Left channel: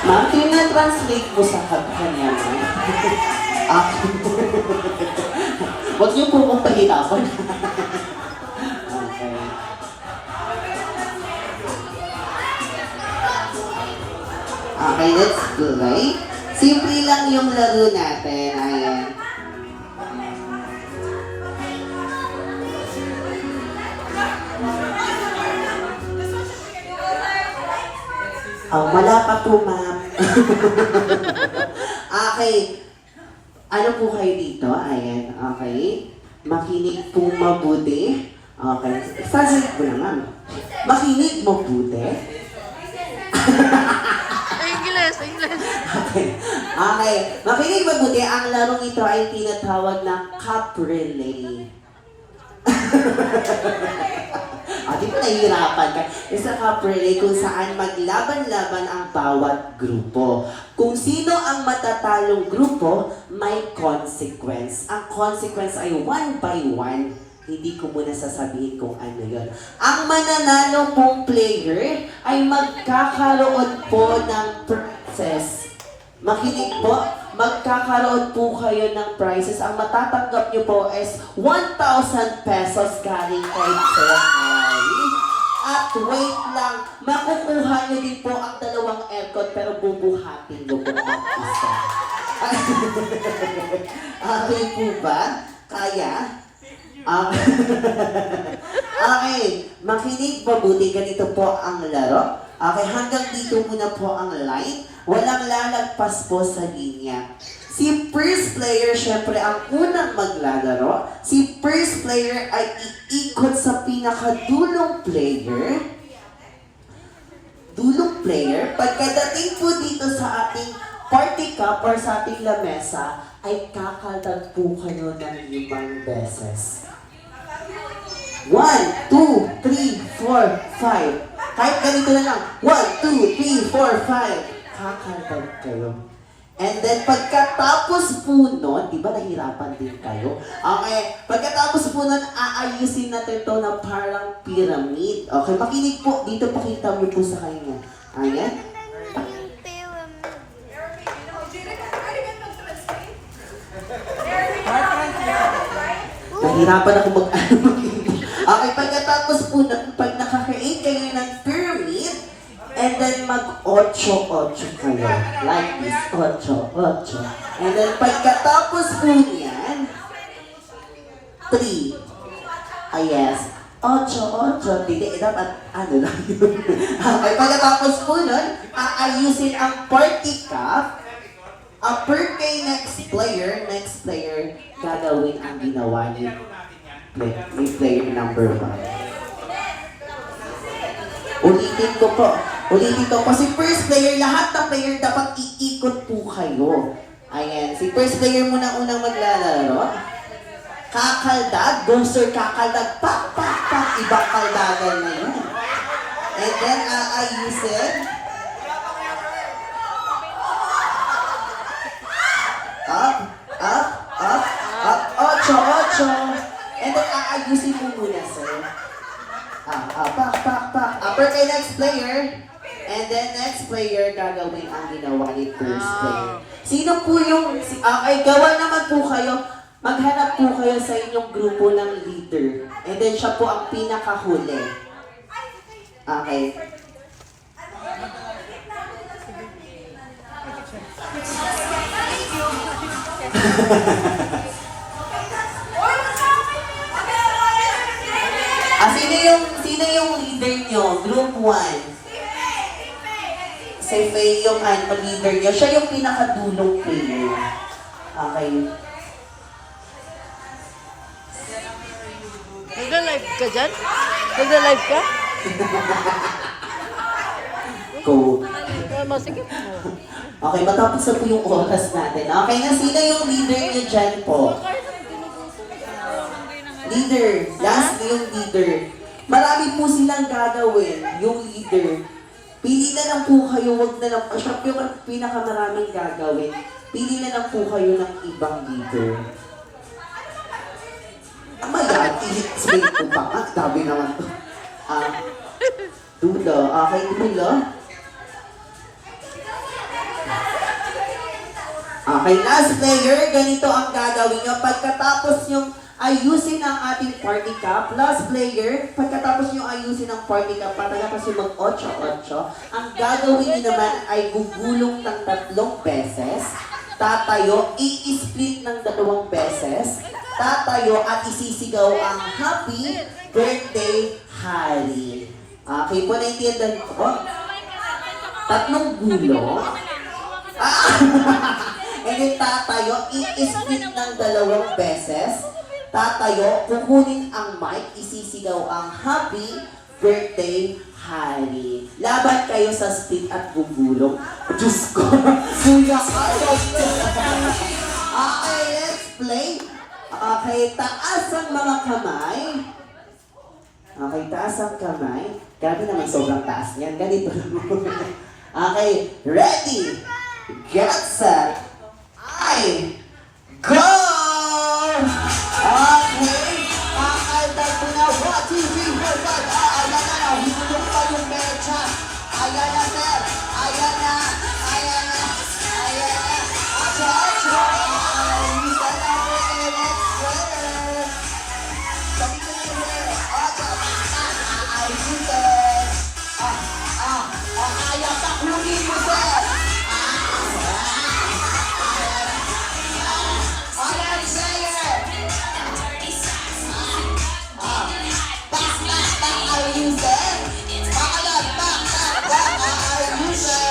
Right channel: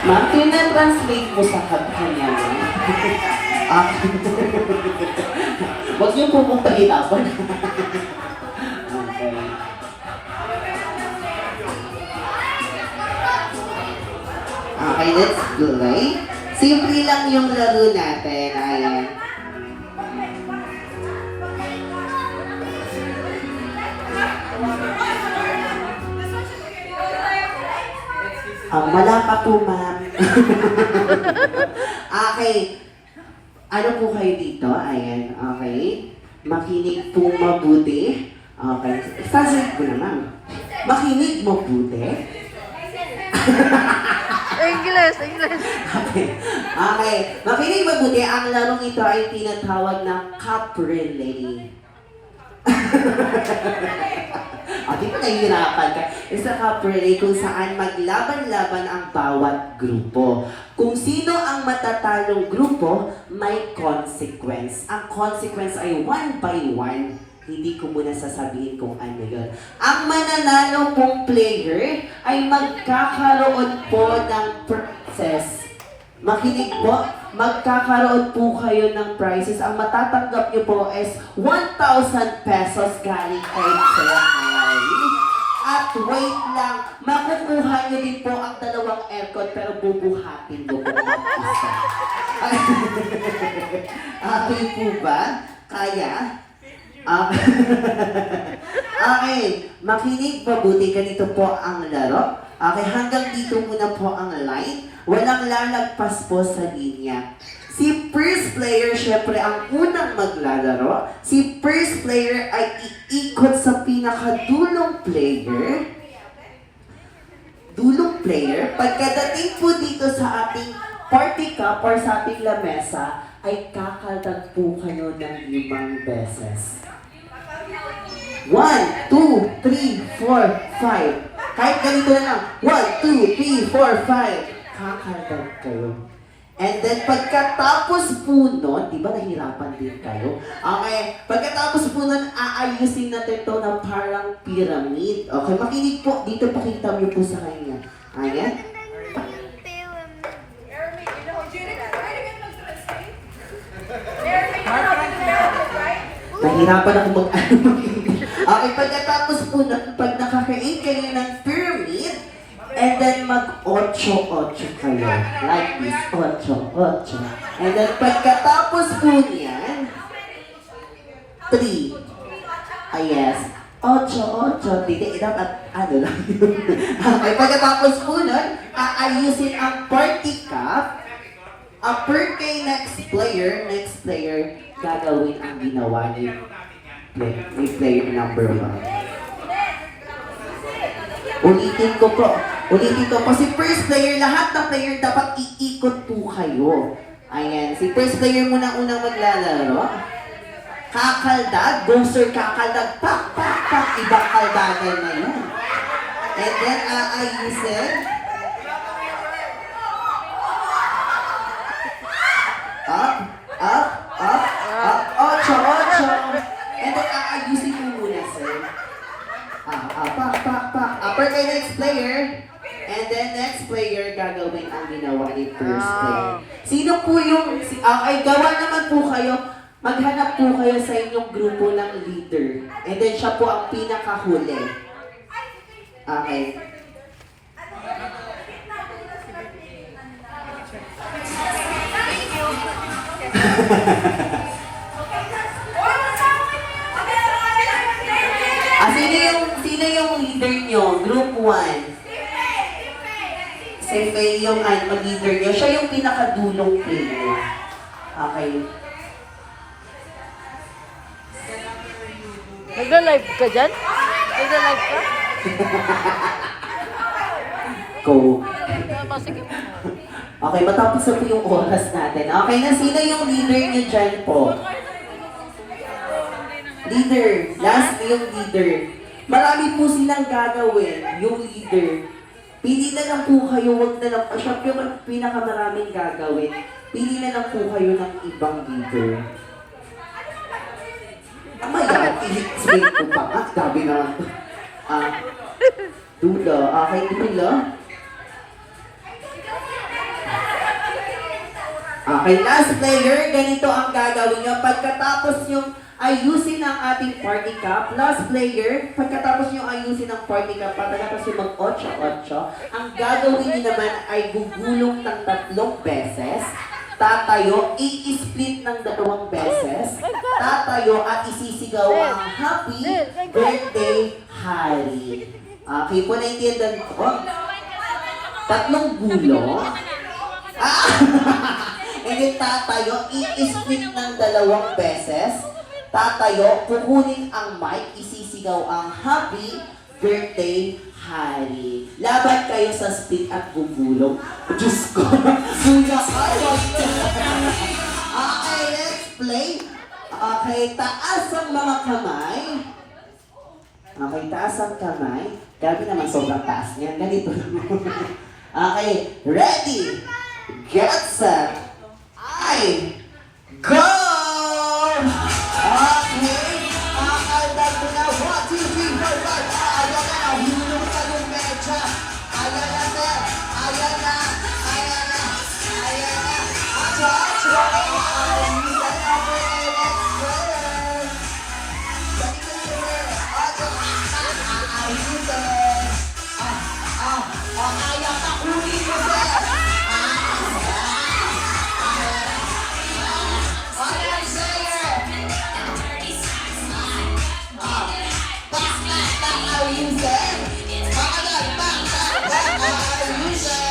Ma'am, tina-translate mo sa kanya, ma'am. Ah, huwag niyo po mong pahirapan. Okay. Okay, let's play. Simple lang yung laro natin. Ayan. Wala pa po, ma'am. Okay. Ano po kayo dito? Ayan, okay. Makinig po mabuti. Okay. Sasalit ko na, ma'am. Makinig mabuti. English, English. Okay. Okay. Makinig mabuti. Ang larong ito ay tinatawag na cup relay. Di ba nahihirapan ka? Isa cup relay kung saan maglaban-laban ang bawat grupo. Kung sino ang matatalong grupo, may consequence. Ang consequence ay one by one. Hindi ko muna sasabihin kung ano yun. Ang mananalo pong player ay magkakaroon po ng prizes. Makinig po, magkakaroon po kayo ng prizes. Ang matatanggap nyo po is 1,000 pesos galing kay Sir Harry. At wait lang, makukuha nyo din po ang dalawang aircon pero bubuhatin mo po ang isa. Okay po ba? Kaya? Okay, makinig mabuti. Ganito po ang laro. Okay, hanggang dito muna po ang line. Walang lalagpas po sa linya. Si first player, syempre, ang unang maglalaro. Si first player ay iikot sa pinakadulong player. Dulong player. Pagkadating po dito sa ating party cup or sa ating lamesa, ay kakaldag po kayo ng 5 beses. 1, 2, 3, 4, 5. Kahit ganito na lang. 1, 2, 3, 4, 5. Kakaldag kayo. And then, pagkatapos po nun, di ba nahirapan din kayo? Okay, pagkatapos po nun, aayusin natin ito na parang pyramid. Okay, makinig po. Dito pakita mo po sa kanya. Ayan. Nahirapan ako Okay, pagkatapos po nun, pag nakaka-8 kayo ng pyramid, and then mag-8 kayo. Like this, 8. And then pagkatapos po niyan, 3. Yes. 8. Hindi, dapat ano lang yun. Okay, pagkatapos po nun, aayusin ang party cup. Per kay next player, gagawin ang ginawa ni player number 1. Ulitin ko po. Si first player, lahat ng player dapat iikot po kayo. Ayan, si first player muna unang maglalaro. Kakaldag, go sir, kakaldag, pak, ibang kaldagan na yun. And then, aayusin. Up. 8. And then, aayusin mo muna, sir. Pak. Upper kay next player. And then next player, gagawin ang ginawa ni first player. Sino po yung... ay, gawa naman po kayo. Maghanap po kayo sa inyong grupo ng leader. And then siya po ang pinakahuli. Okay. Sino yung leader nyo? Group 1. Si Faye yung leader niya. Siya yung pinakadulong player. Okay. Nagla-live ka dyan? Nagla-live ka? Go. Masigit mo. Okay, matapos na po yung oras natin. Okay na, sino yung leader niyo dyan po? Leader. Last yung leader. Marami po silang gagawin, yung leader. Pili na lang po kayo, wag na lang. Siya po yung pinakamaraming gagawin. Pili na lang po kayo ng ibang leader. Maya, i-explain ko pa. Sabi naman to. Dulo. Okay, dulo. Okay, last player, ganito ang gagawin nyo. Pagkatapos nyo ayusin ang ating party cup, last player, pagkatapos nyo ayusin ang party cup, pagkatapos nyo mag-8-8, ang gagawin nyo naman ay gugulong ng 3 beses, tatayo, i-split ng 2 beses, tatayo at isisigaw ang happy birthday, Hari. Okay po, naintindihan ko. 3 gulong. And then tatayo, i-split ng 2 beses, tatayo, kukunin ang mic, isisigaw ang happy birthday, Hari. Laban kayo sa split at gugulong. Diyos ko, suya kayo. Okay, let's play. Okay, taas ang mga kamay. Okay, taas ang kamay. Grabe naman, sobrang taas niyan. Ganito. Okay, ready, get set, ay, go! Okay, makakaldag mo na. 1, 2, 3, 4, 5. Ayan na, nahihilig pa yung mecha. Ayan na, sir. Ayan na. Ayan na. Ayan na. Atso, atso. Ayan na. Next player. Atso. Ayun, sir. Kaya pa kunin mo, sir. Ayan, sir. Ayun, sir. Ayan pa. Ayun, sir.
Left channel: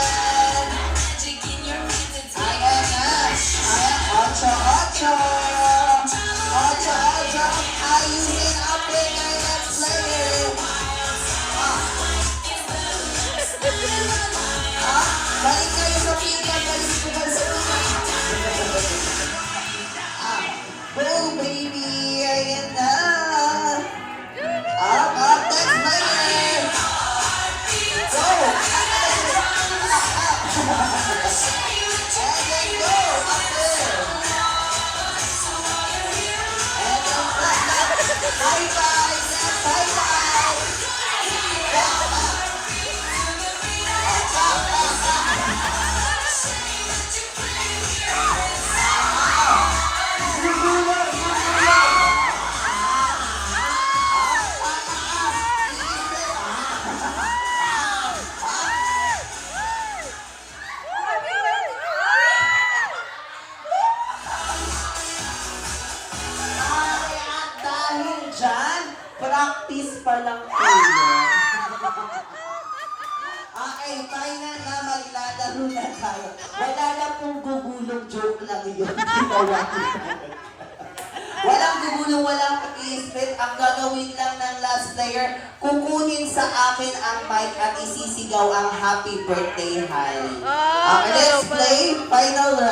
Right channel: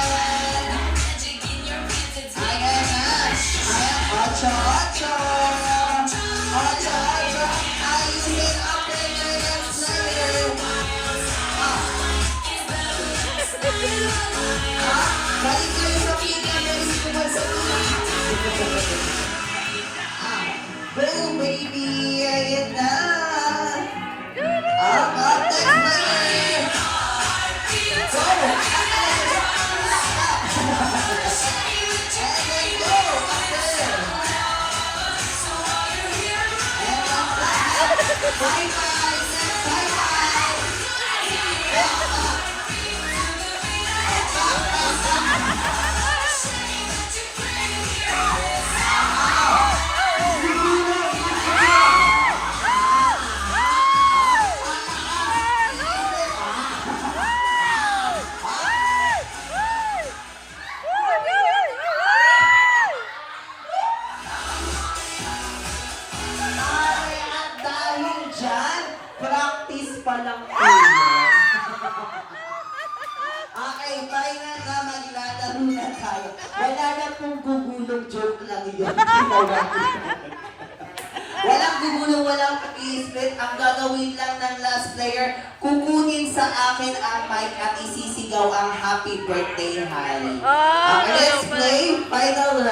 Ayan na. Ayan, atso, atso. Atso, atso. Ayusin ang player, next player. Balik kayo sa pika, balik kayo sa pika. Go, baby, ayan na. Next player. Go. Bye, bye. Bye, bye. At dahil dyan, practice pa lang tayo. Okay, final na maglalaro na tayo. Wala na pong gugulong, joke lang yun. Walang gugulong, walang pag-i-split. Ang gagawin lang ng last player, kukunin sa akin ang mic at isisigaw ang happy birthday, Hari. Okay, let's play. Final round.